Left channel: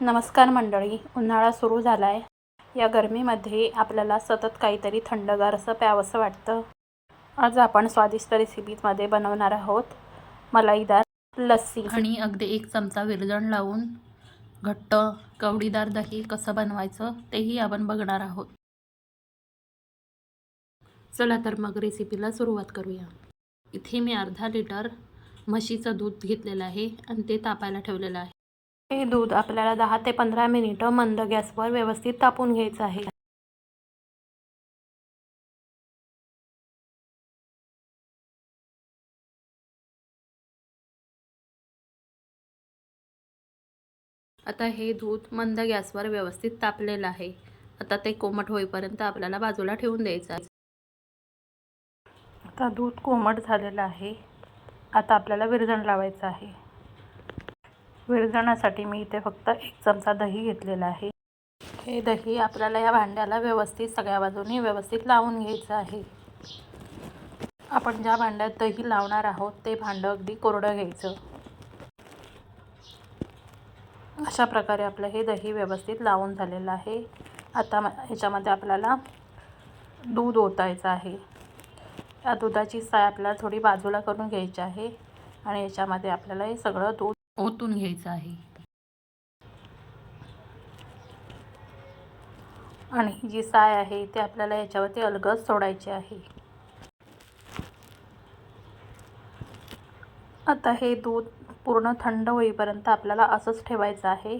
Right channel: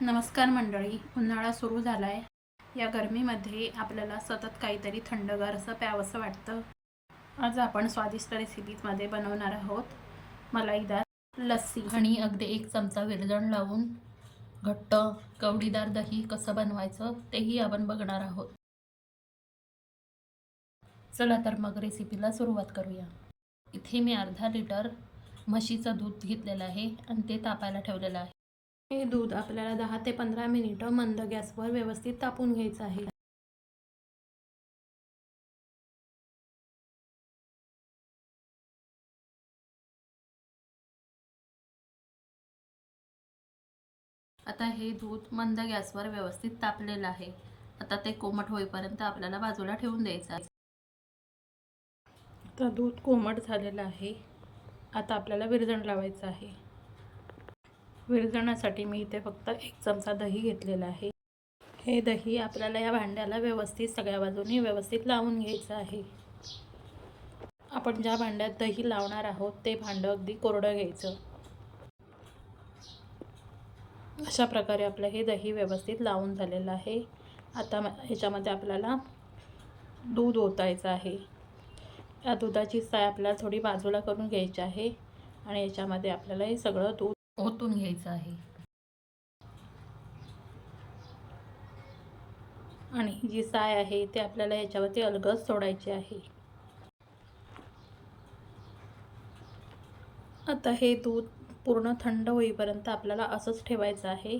नमस्कार मंडळी, उन्हाळा सुरू झाला आहे. या गरमीमध्ये आपल्याला सतत काहीतरी थंडगार असं प्यावंसं वाटतं. आज आपण स्वादिष्ट रेसिपीमध्ये बनवणार आहोत मलाईदार लस्सी आणि अगदी 1 चमचा विरजण लावून घट्ट कवडीदार दही कसं बनवायचं तेही आपण बघणार आहोत. चला तर मग रेसिपीला सुरुवात करूया. इथे मी अर्धा लिटर म्हशीचं दूध घेतलेलं आहे आणि ते तापायला ठेवलेलं आहे. हे दूध आपल्याला 10 ते 15 मिनिटं मंद गॅसवर व्यवस्थित तापून घ्यायचं आहे. आता हे दूध मंद गॅसवर व्यवस्थित तापलेलं आहे. आता ते कोमट होईपर्यंत आपल्याला बाजूला ठेवून द्यायचं आहे. आता दूध कोमट झालेलं आहे. आता आपल्याला विरजण लावायचं आहे. विरजणासाठी मी इथे फक्त 1 चमचा दही घेतलेला आहे. हे दही आपल्याला या भांड्याला व्यवस्थित सगळ्या बाजूनी व्यवस्थित लावून घ्यायचं आहे. आपण ज्या भांड्यात दही लावणार आहोत ते भांडं अगदी कोरडं घ्यायचं. अशा प्रकारे आपलं हे दही व्यवस्थित लावून झालेलं आहे. आता ह्याच्यामध्ये आपल्याला दूध ओतायचं आहे. या दुधाची साय आपल्याला थोडी बाजूला करून घ्यायची आहे आणि याच्यामध्ये आपल्याला हे सगळं दूध ओतून घ्यायचं आहे. आणि जी साय आहे ती आपल्याला याच्यावरती अलगद सोडायची आहे. आता हे दूध पूर्ण थंड होईपर्यंत आपल्याला असंच ठेवायचं आहे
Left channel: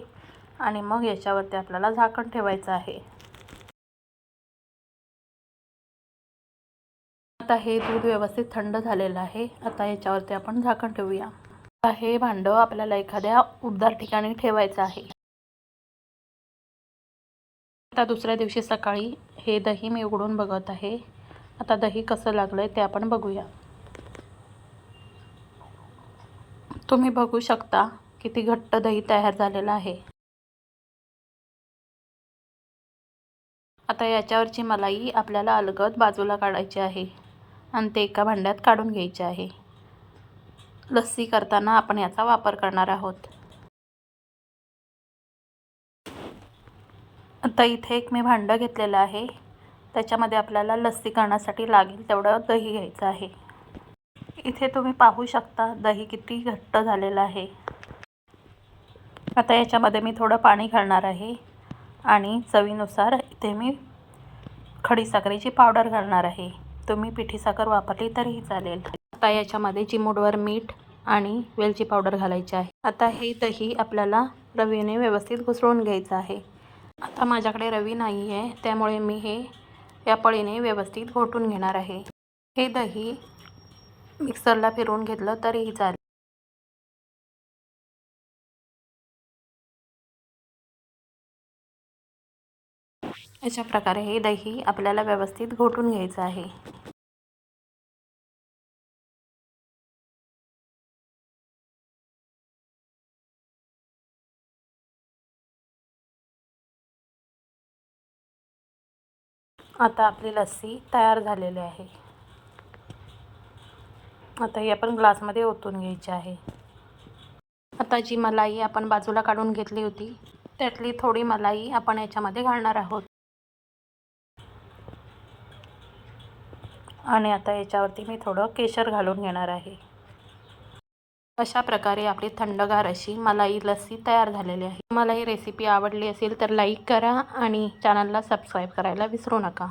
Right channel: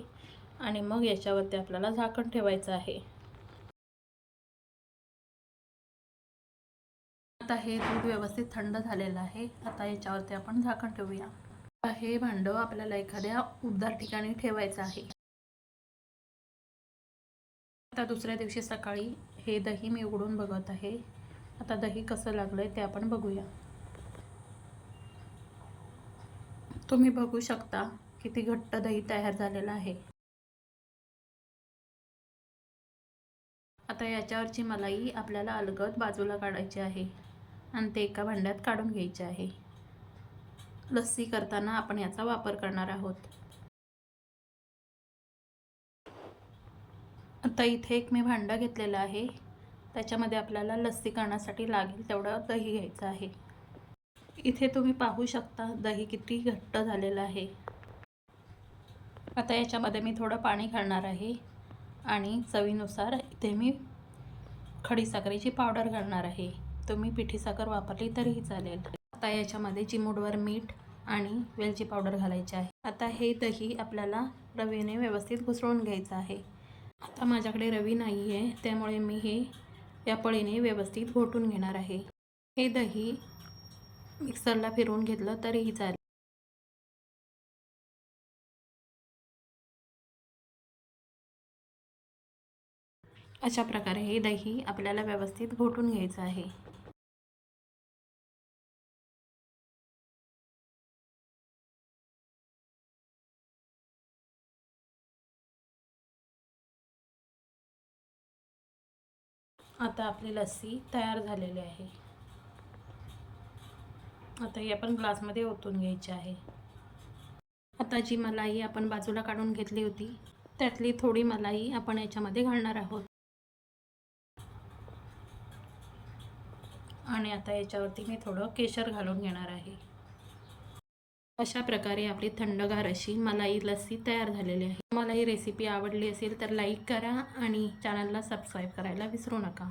आणि मग याच्यावरती आपल्याला झाकण ठेवायचं आहे. आता हे दूध व्यवस्थित थंड झालेलं आहे. आता याच्यावरती आपण झाकण ठेवूया. आता हे भांडं आपल्याला एखाद्या उबदार ठिकाणी ठेवायचं आहे. आता दुसऱ्या दिवशी सकाळी हे दही मी उघडून बघत आहे. आता दही कसं लागलंय ते आपण बघूया. तुम्ही बघू शकता किती घट्ट दही तयार झालेलं आहे. आता याच्यावरची मलाई आपल्याला अलगद बाजूला काढायची आहे आणि ते एका भांड्यात काढून घ्यायचे आहे. लस्सी करताना आपण याचा वापर करणार आहोत. आता इथे एक मी भांडं घेतलेलं आहे. त्याच्यामध्ये आपल्याला लस्सी करण्यासाठी लागेल तेवढं दही घ्यायचं आहे. इथे तुम्ही पाहू शकता दही किती घट्ट झालेलं आहे. आता याच्यामध्ये मी थोडं पाणी घालणार आहे आणि चवीनुसार इथे मी खडीसाखरेची पावडर घालणार आहे. तुम्ही पिठी साखर वापरली तरीही चालेल. आता याच्यामध्ये चिमूटभर मीठ आणि वेलची पावडर घालायची आहे. आता हे दही आपल्याला रवीने व्यवस्थित घुसळून घ्यायचं आहे. आता माझ्याकडे रवी नाही आहे त्यामुळे मी हे या पळीने व्यवस्थित घोटून घेणार आहे. हे दही मिक्सरला फिरवून घेतलं तरीही चालेल. अशा प्रकारे हे दही आपल्याला व्यवस्थित घोटून घ्यायचं आहे. आता आपली लस्सी तयार झालेली आहे. आता ही आपण ग्लासमध्ये ओतून घ्यायची आहे. आता जी मलाई आपण बाजूला काढून घेतली होती त्यातली थोडी मलाई आपण याच्यामध्ये घालणार आहोत. आणि आता याच्यावरती मी थोडं केशर घालून घेणार आहे. अशा प्रकारे आपली थंडगार अशी मलाई लस्सी तयार झालेली आहे. तुम्हाला ही रेसिपी आवडली असेल तर लाईक करा आणि चॅनलला सबस्क्राईब करायला विसरू नका.